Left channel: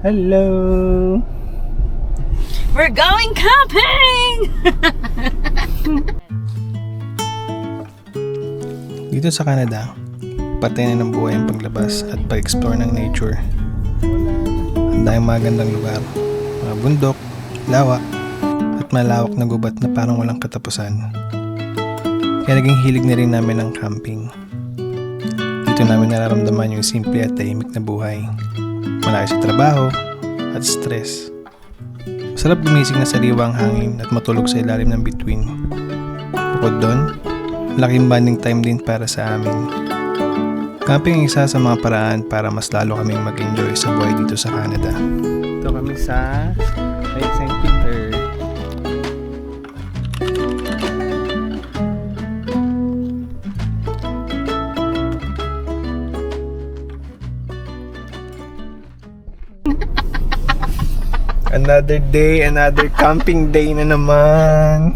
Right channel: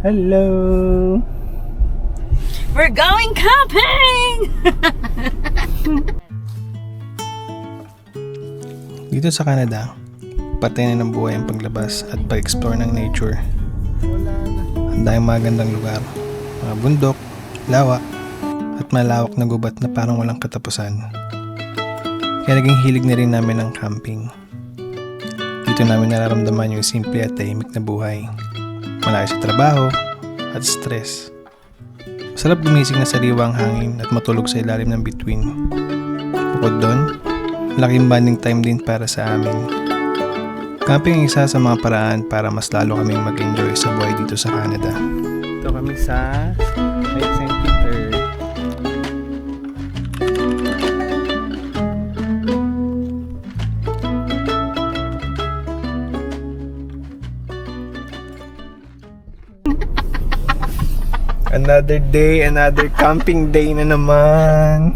Hello! We're going camping! Dito sa Canada, patay na ng buhay ang paglabas at pag-explore ng nature. Ang daming magandang lugar, mga bundok, lawa, at malawak na gubat na parang walang katapusan. Kaya naging hilig na rin namin ang camping. Dito namin nararamdaman yung simple at tahimik na buhay. Malaki sa trabaho at stress. Masarap gumising na sariwa ang hangin at matulog sa ilalim ng bituin. Bukod doon, malaking bonding time din para sa amin. Camping ang isa sa mga paraan para mas lalo kaming mag-enjoy sa buhay dito sa Canada. Ito kami sa Lake St. Peter. Another day, another camping day na naman.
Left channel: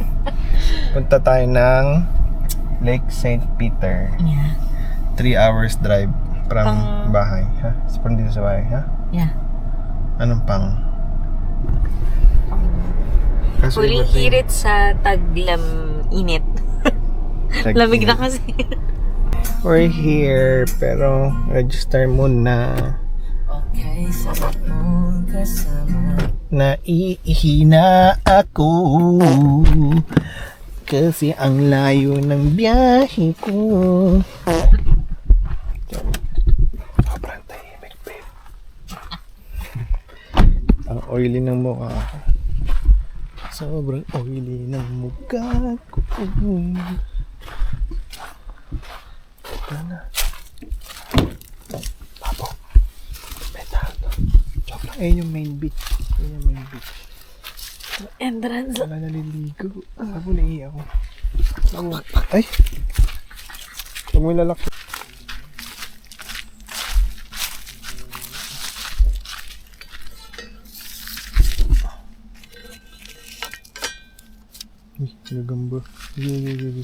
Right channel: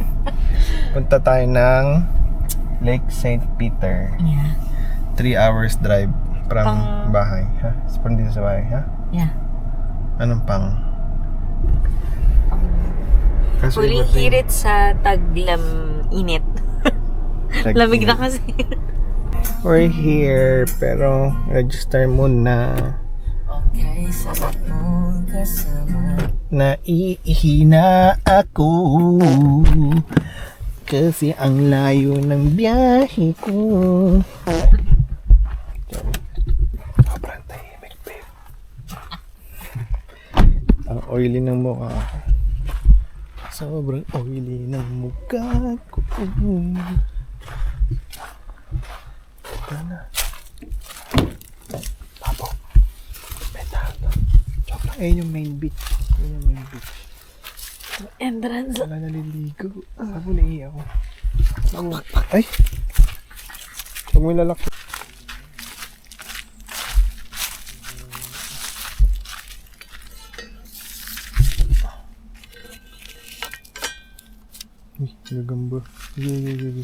Punta tayo ng Lake St. Peter. Yeah. 3 hours drive from bahay. Ha? From dito sa bahay, ha? Yeah. Anong pang? Kasi Huling iba to eh. hirit sa taglam init. Lamig na kasi. We're here, pero register muna. Okay, sarap mo kasama. Naiihina ako kasi ang layo ng biyahe ko. Sobrang tahimik, babe. Ang oily ng mukha ko. Sobrang oily ng mukha ko. Ano? Pabo. Betado. Joke lang. Ayun yung main beach. Ayun yung main beach. Entrance. Wala naliligo. Ako naiiyak ako. Ay! Huwag mo ilalak. Uy, gagamba. Gagamba.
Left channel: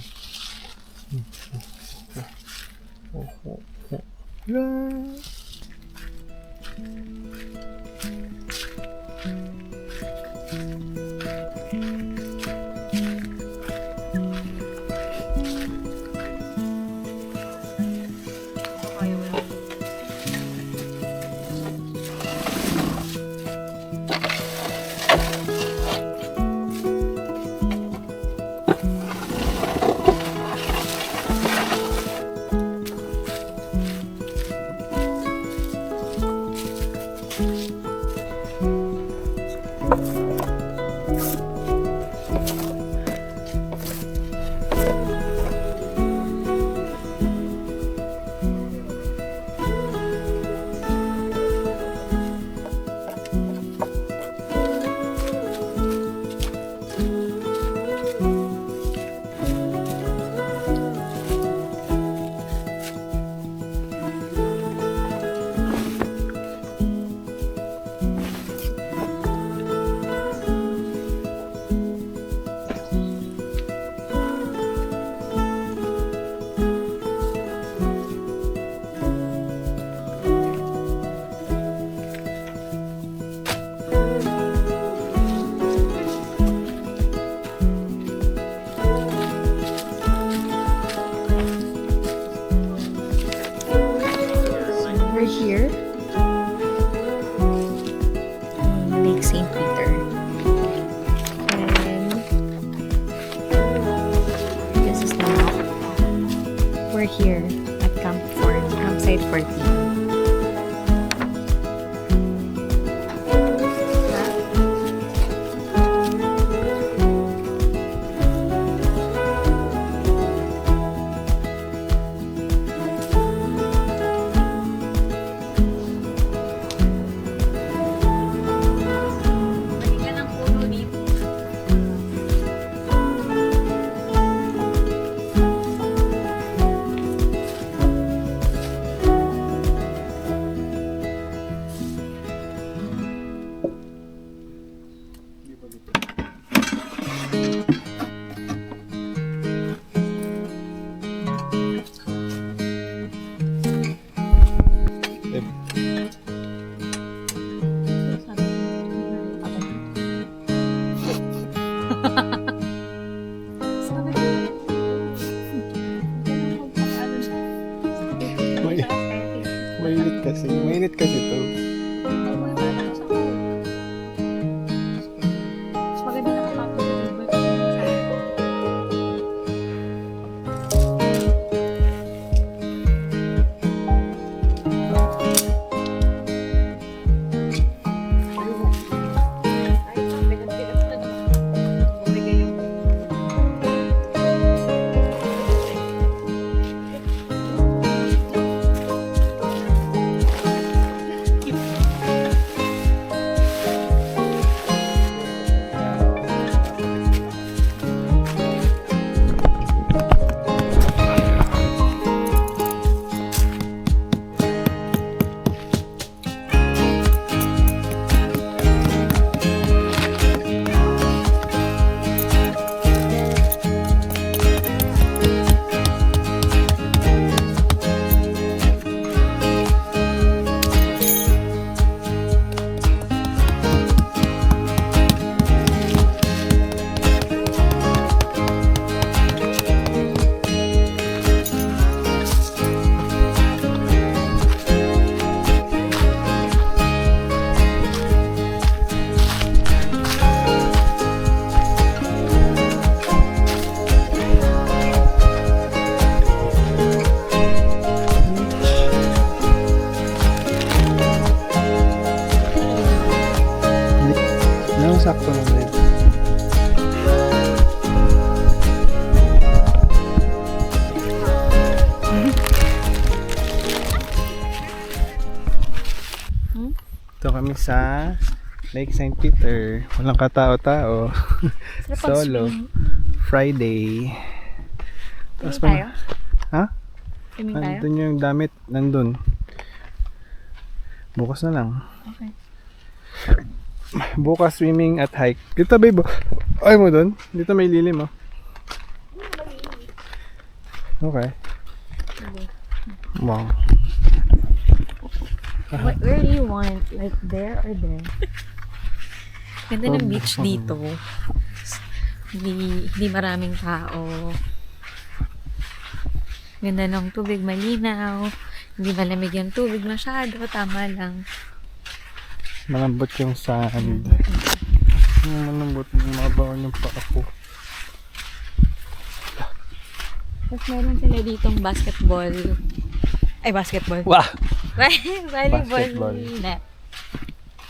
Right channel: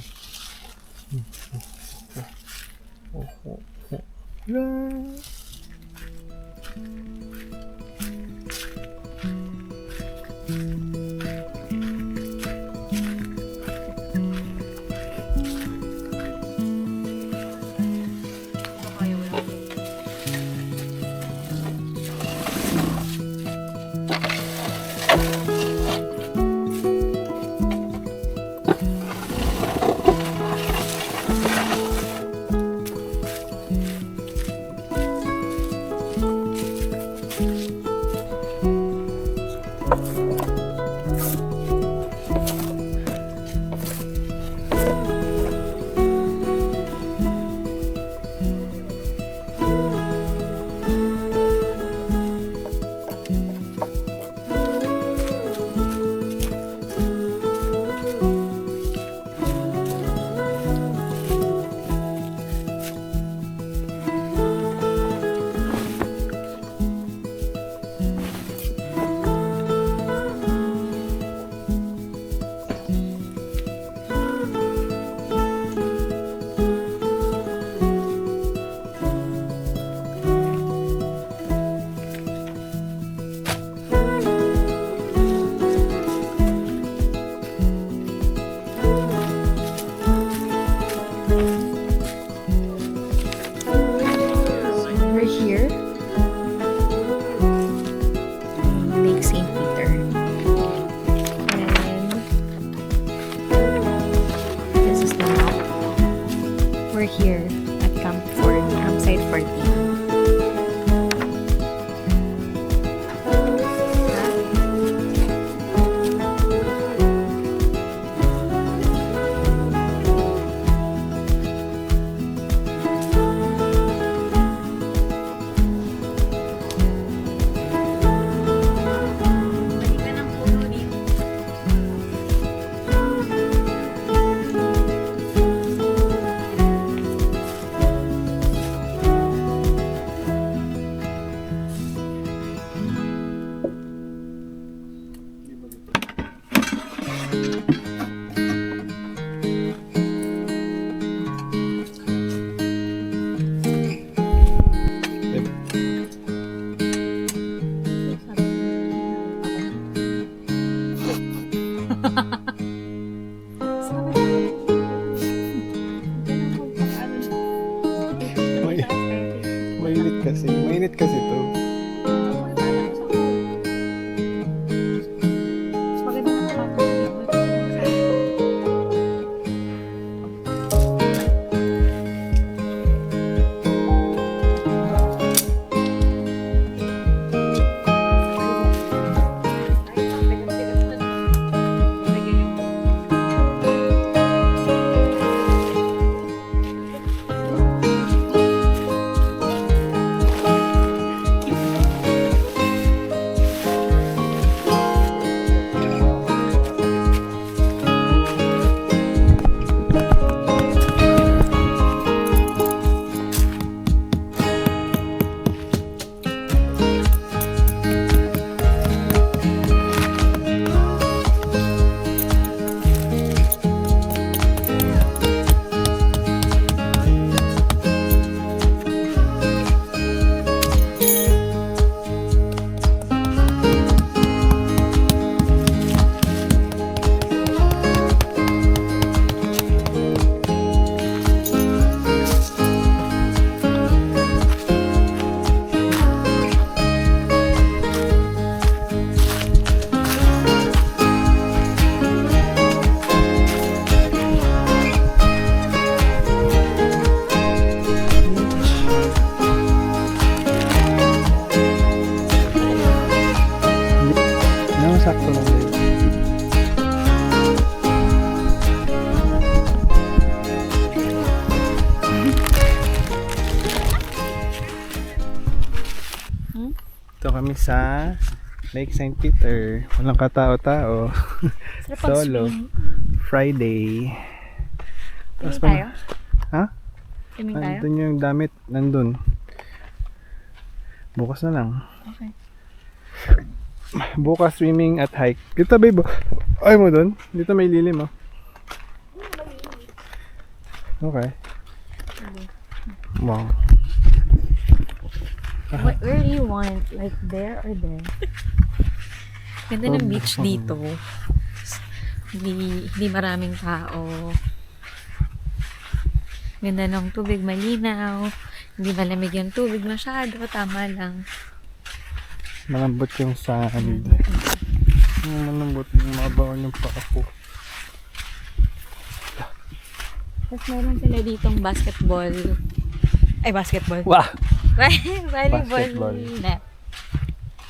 We're here in Lake St. Peter. And this is the map. We're here at campsite 14. sakto lang din. Ito kami sa Lake St. Peter. Walang katao-tao. Solo. Friday. Swimming tayo? Ha? Swimming tayo? Nandun yung damit. Nandun. Bukas na lang. Okay. Bukas swimming at hike. Dito babe. Ay mo dun. Dito may lilim oh. Okay. Wow. Where do you want? Like there or there? Ganda ng beach dito. Hindi maraming tao. Ganda ng tubig, malinaw. Hindi malamig yung tubig masyado. Tama lang. Malambot yung sand. Malambot. Mabaw yung paa ko. Tapos meron sila ditong basketball. Ay, basketball. Wah! Volleyball Basketball. net.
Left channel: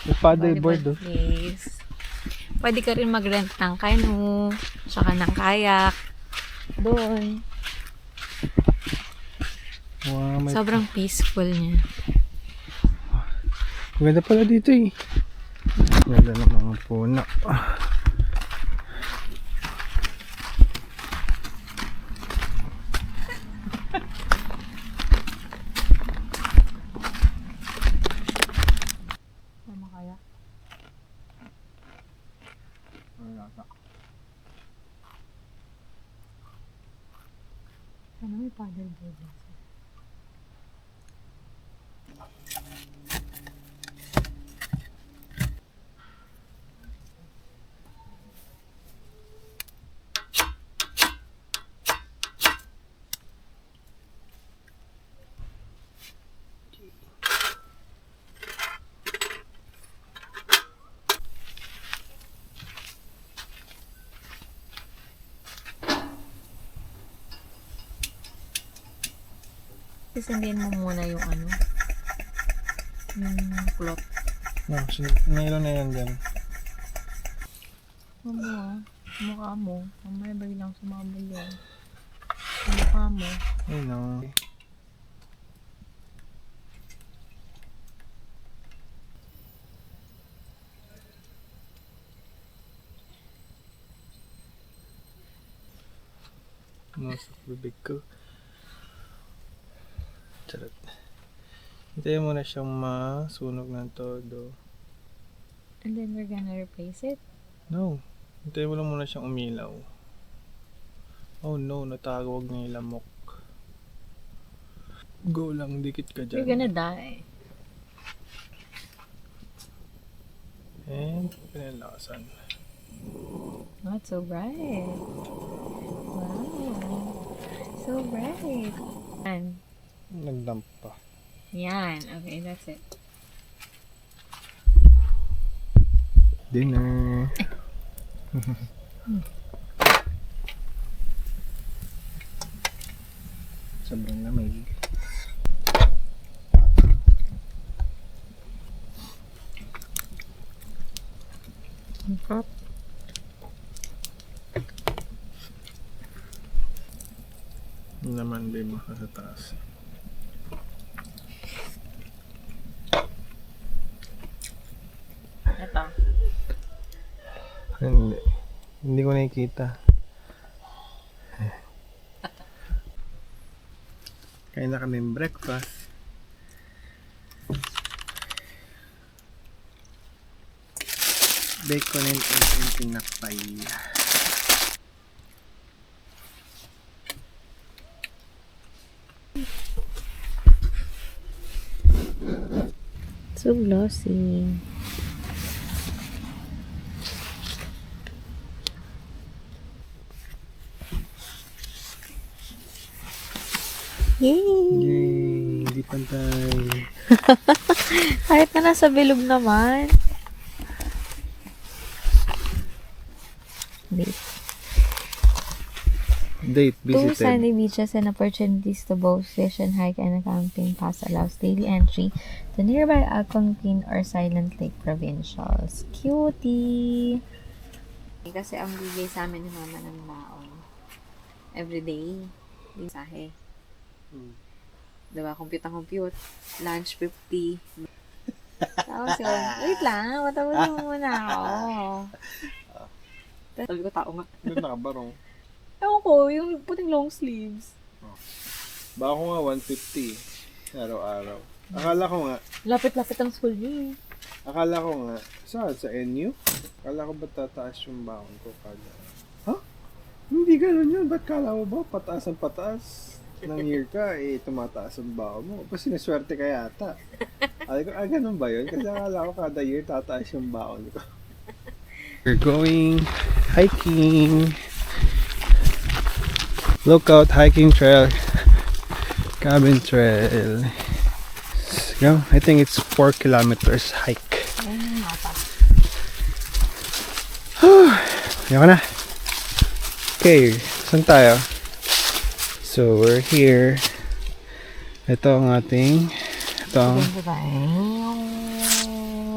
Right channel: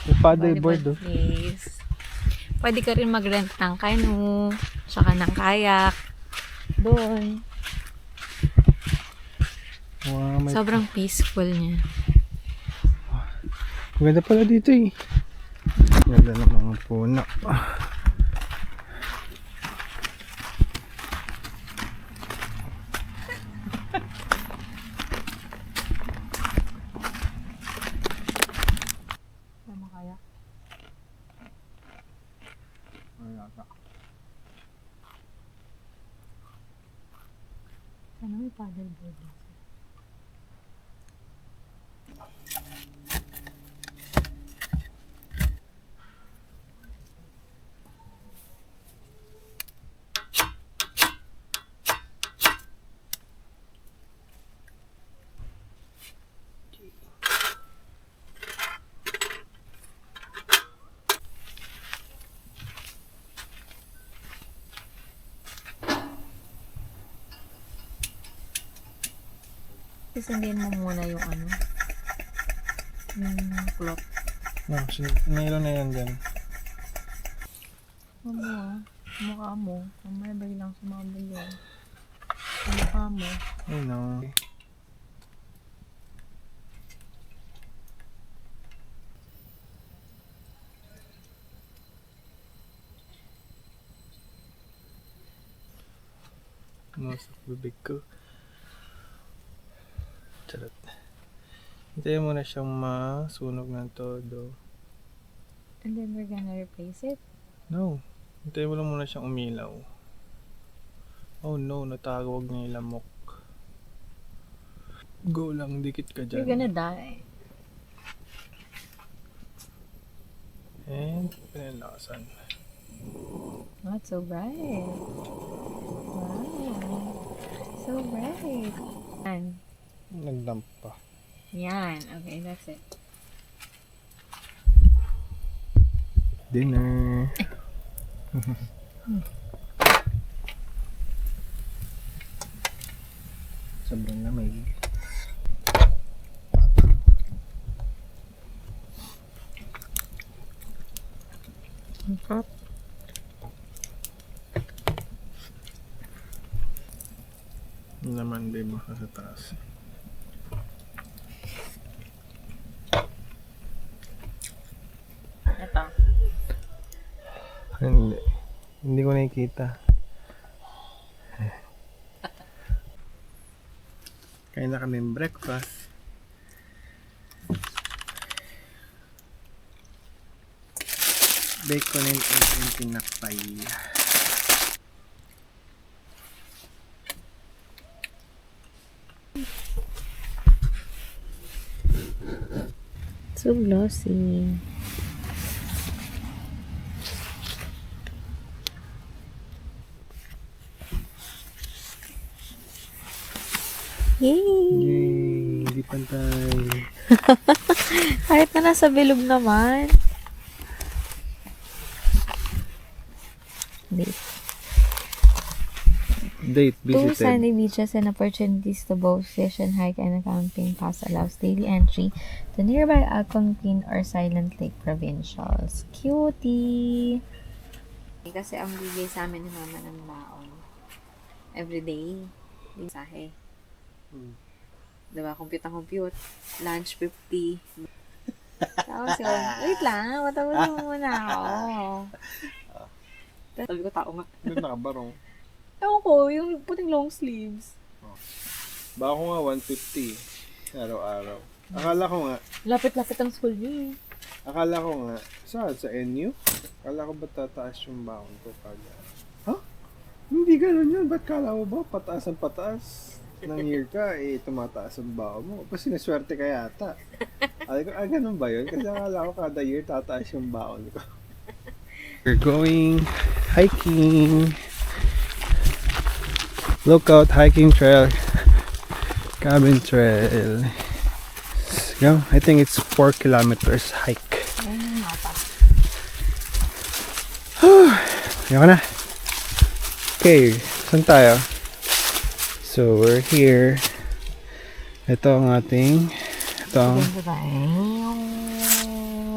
Yung paddleboard oh. Place. Pwede ka rin mag-rent ng canoe, saka ng kayak. Doon. Wow, may... Sobrang peaceful niya. Maganda pala dito eh. Ganda ng mga puno. Tama kaya? Sana may paddleboard din. Sisindin mo muna yung ano, yung cloth. No, mayroon na yan dyan. Mukha mo. Mamaya biglang sumabog yun. Mukha mo. Ay no. Masok bibig ko. Charot. Hintayin mo na siyang masunog ng todo. And then we're gonna replace it. No. Hintayin mo lang muna siyang umilaw. Oh no, natawag niya yung lamok. Go lang, dikit ka dyan. You're gonna die. And pinalasan. Not so bright. Wow. So bright. And Nagdamp pa. yan. Okay, that's it. Dinner. Sobrang lamig. Okay. Naman din mo sa taas. Ito. Hindi. Hindi ko nakikita. Kain na kami breakfast. Bacon and egg and tinapay. So glossy. Yay! Yay! Hindi pantay. Kahit na nasa bilog naman. Wait. Date Two visited. sandy beaches and opportunities to both fish and hike, and a camping pass allows daily entry to nearby Algonquin or Silent Lake provincials. Cutie! Kasi ang bigay sa amin ni mama ng baon. Everyday. Mensahe. Diba? Compute ang compute. Lunch 50. Tapos yun, wait lang, matawasin mo muna ako. Tapos sabi ko, tao nga. Doon nakabarong. Ewan ko, yung puting long sleeves. Baka ko nga 150 araw-araw. Akala ko nga, Lapit-lapit ang school niyo. saan? Sa NU? Akala ko ba tataas yung baon ko kada? Ha? Hindi ganun yun. Ba't kala mo ba pataas ang pataas? Nang year ka, tumataas ang baon mo. Kasi naswerte ka yata. Sabi ko, ganun ba yun? Kasi akala ko kada year tataas yung baon ko. We're going hiking. Lookout hiking trail. Cabin trail. Yeah, I think it's 4 kilometers hike. Ayoko na. Okay, saan tayo? So, we're here. Ito ang ating...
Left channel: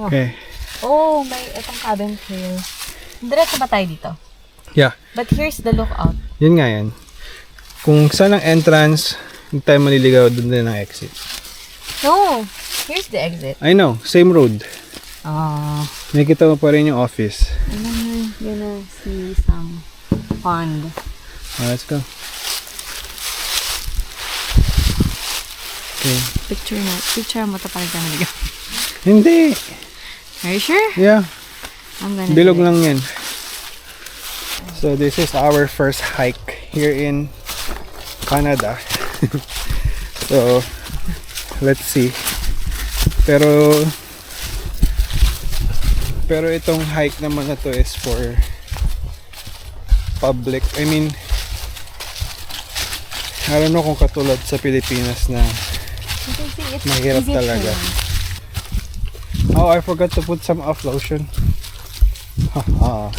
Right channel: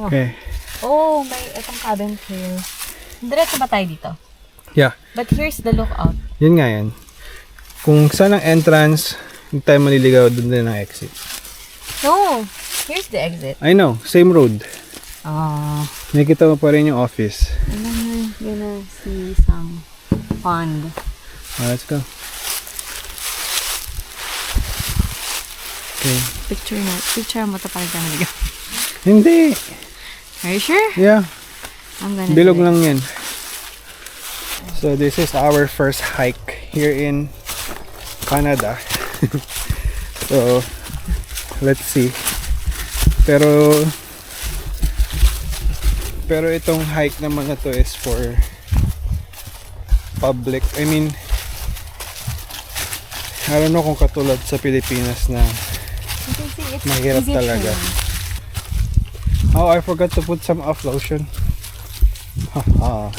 Okay. Oh, may itong cabin trail. Diretso ba tayo dito? Yeah, But here's the lookout. yun nga yan. Kung saan ang entrance, hindi tayo maliligaw, doon din ang exit. No, here's the exit. I know, same road. Nakikita mo pa rin yung office. And then we're gonna see some pond. Let's go. Okay. Picture mo to para tayo maligaw. Hindi. Are you sure? Yeah. I'm gonna Bilog do it. lang yan. So this is our first hike here in Canada. So let's see. Pero itong hike naman na to is for public. I mean, I don't know kung katulad sa Pilipinas na You can see it's mahirap easy talaga. terrain. Oh, I forgot to put some off lotion. Haha.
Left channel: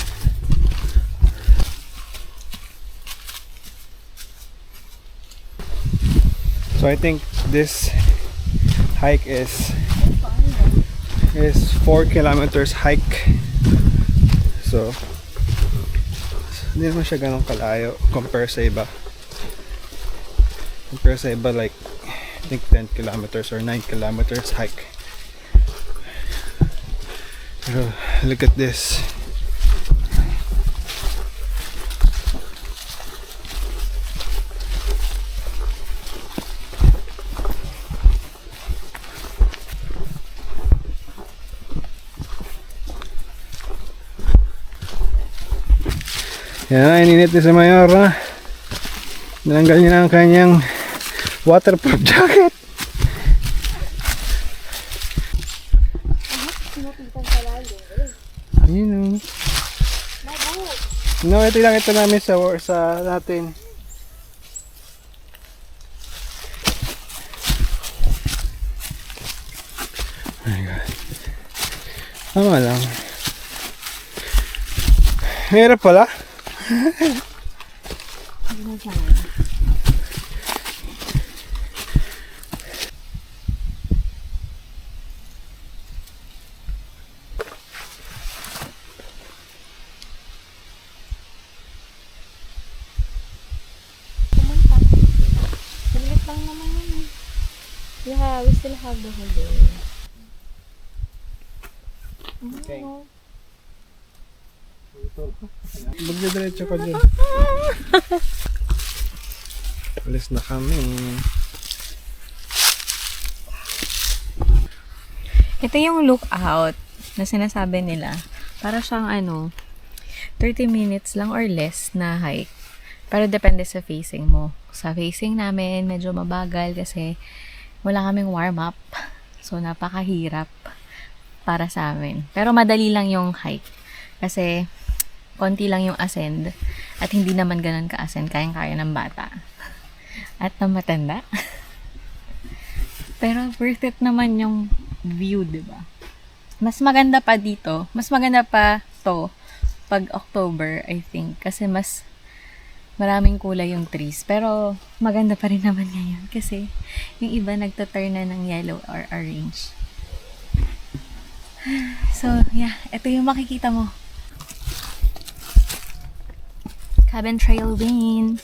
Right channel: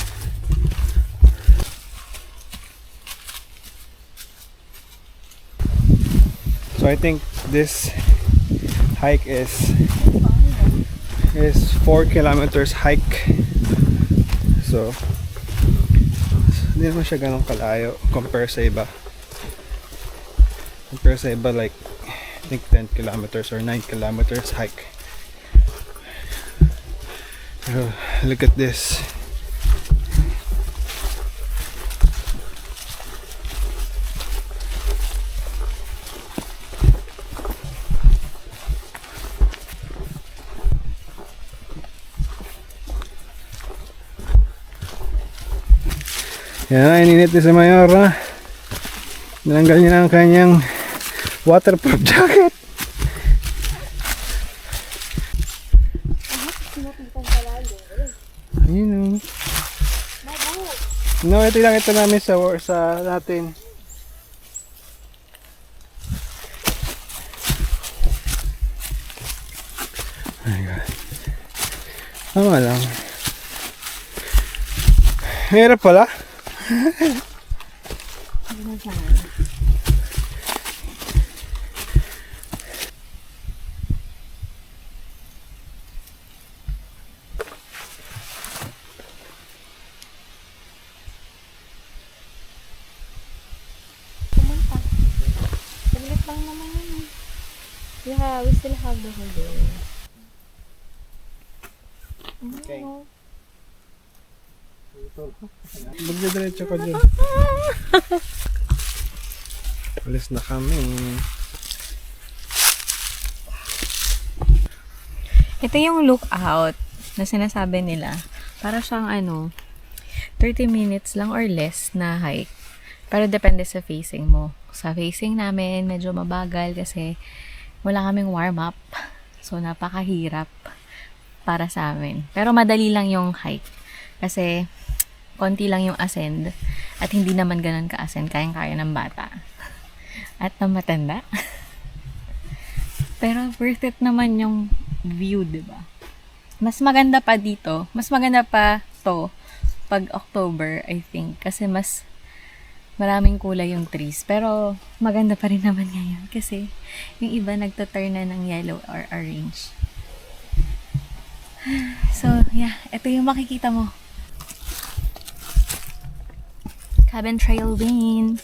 So I think this hike is 4 kilometers hike. So hindi naman siya ganun kalayo compare sa iba. Like I think 10 kilometers or 9 kilometers hike. Pero look at this. Yan, ininit ni si Mayor, ha? Nalanggal niya na ang kanyang waterproof jacket. Ayun, no, ito lang ito namin sa natin. Oh my God. Tama lang. Hirap pala. Saglit lang naman yun. Yeah, we still have the whole day. Okay. Magdidiretso ka dyan. Alis na kami. Ito yung lookout na sinasabi nila. Para siyang 30 minutes lang or less na hike. Pero depende sa facing mo. Sa facing namin, medyo mabagal kasi wala kaming warm-up. So, napakahirap para sa amin. Pero madali lang yung hike. Kasi, konti lang yung ascend. At hindi naman ganun ka-ascend. Kayang-kaya ng bata. At ng matanda. Pero worth it naman yung view, diba? Mas maganda pa dito. Mas maganda pa to pag October, I think. Kasi mas maraming kulay yung trees. Pero maganda pa rin naman ngayon kasi yung iba nagtaturn na ng yellow or orange. So, yeah. Ito yung makikita mo. Cabin Trail Lane.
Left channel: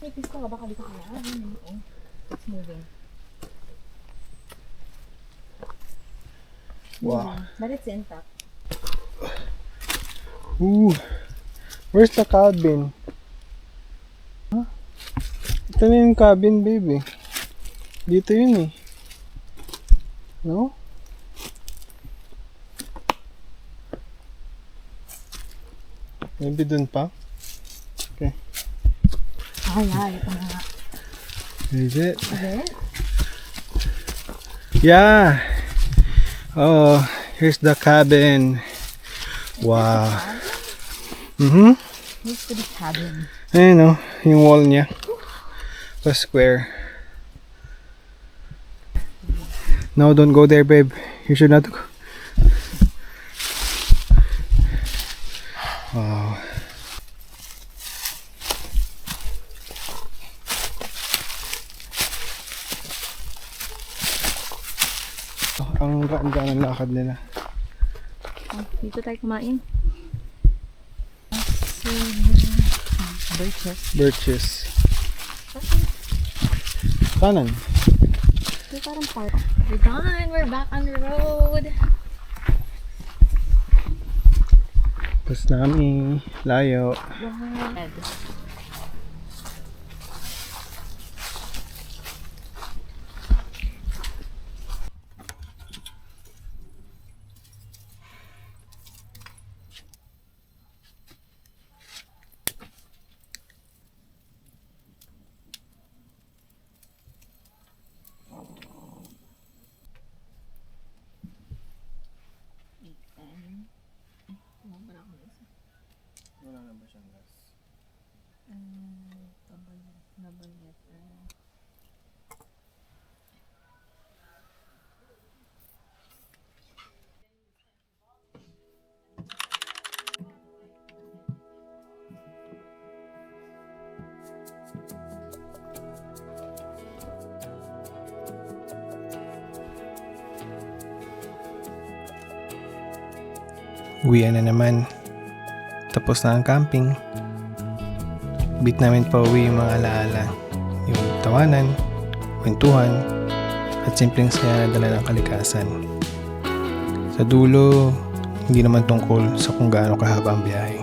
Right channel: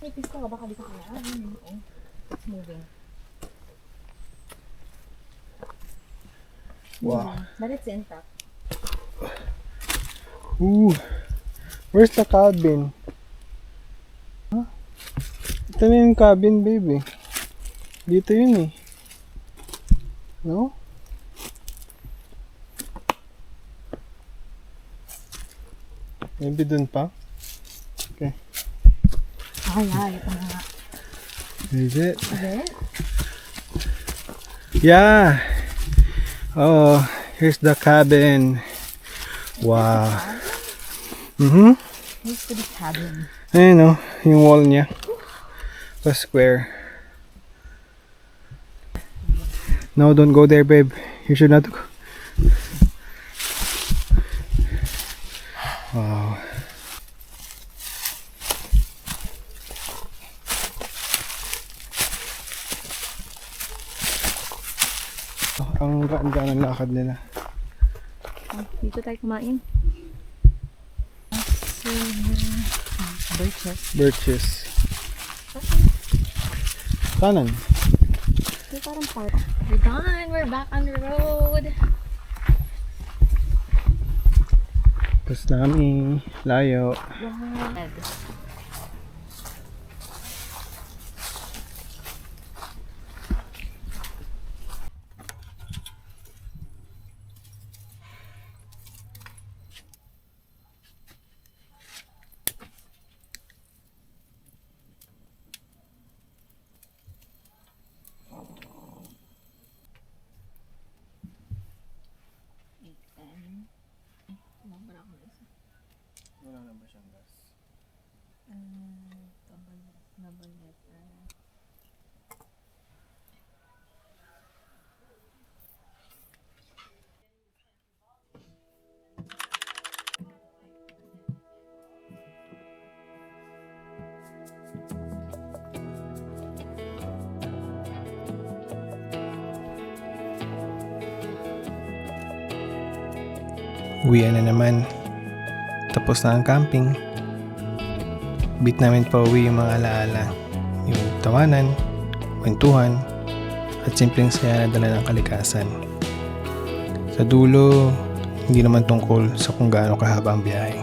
May pista ka baka dito kaya? It's moving. Wow. But it's intact. Ooh. Where's the cabin? Huh? Ito na yung cabin, baby. Dito yun eh. No? Maybe dun pa? Okay. Ay, ito na nga. Is it? Is it? Yeah. Oh, here's the cabin. Wow. Mm-hmm. Here's to the cabin. Ayun o, yung wall niya. Pa square. No, don't go there, babe. You should not go. Wow. Ang gaan-gaan ang lakad nila. Dito tayo kumain. Birches. Kanan. Ito parang park. We're done. We're back on the road. Tapos namin. Layo. Wow. Wala na ba siyang gas? Uwian na naman. Tapos na ang camping. Bit namin pa uwi yung mga alaala. Yung tawanan, kwentuhan, at simpleng saya na dala ng kalikasan. Sa dulo, hindi naman tungkol sa kung gaano kahaba ang biyahe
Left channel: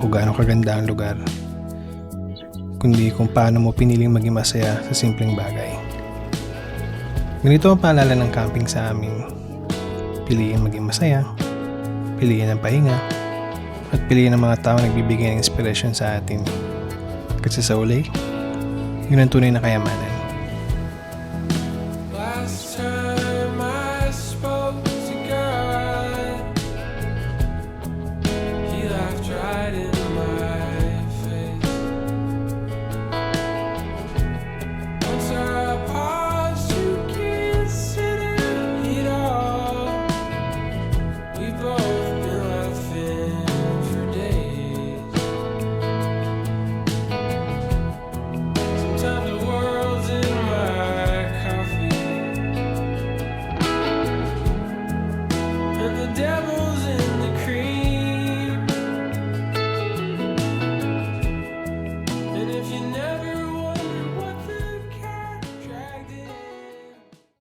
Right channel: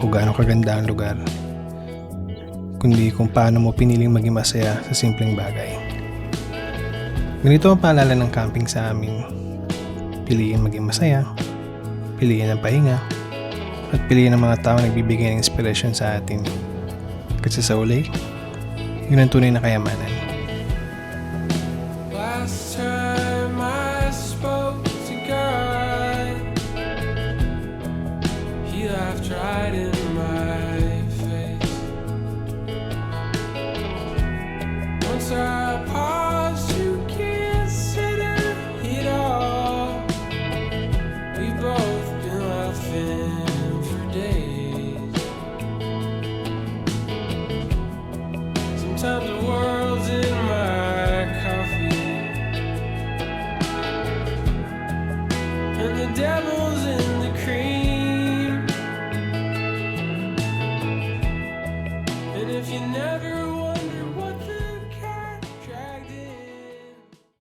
o gaano kaganda ang lugar, kundi kung paano mo piniling maging masaya sa simpleng bagay. Ganito ang paalala ng camping sa amin. Piliin maging masaya, piliin ang pahinga, at piliin ang mga tao nagbibigay ng inspirasyon sa atin. Kasi sa uli, yun ang tunay na kayamanan. Last time I spoke to God, He laughed right in my face. Once I paused to consider it all, we both been laughing for days. Sometimes the world's in my coffee and the devil's in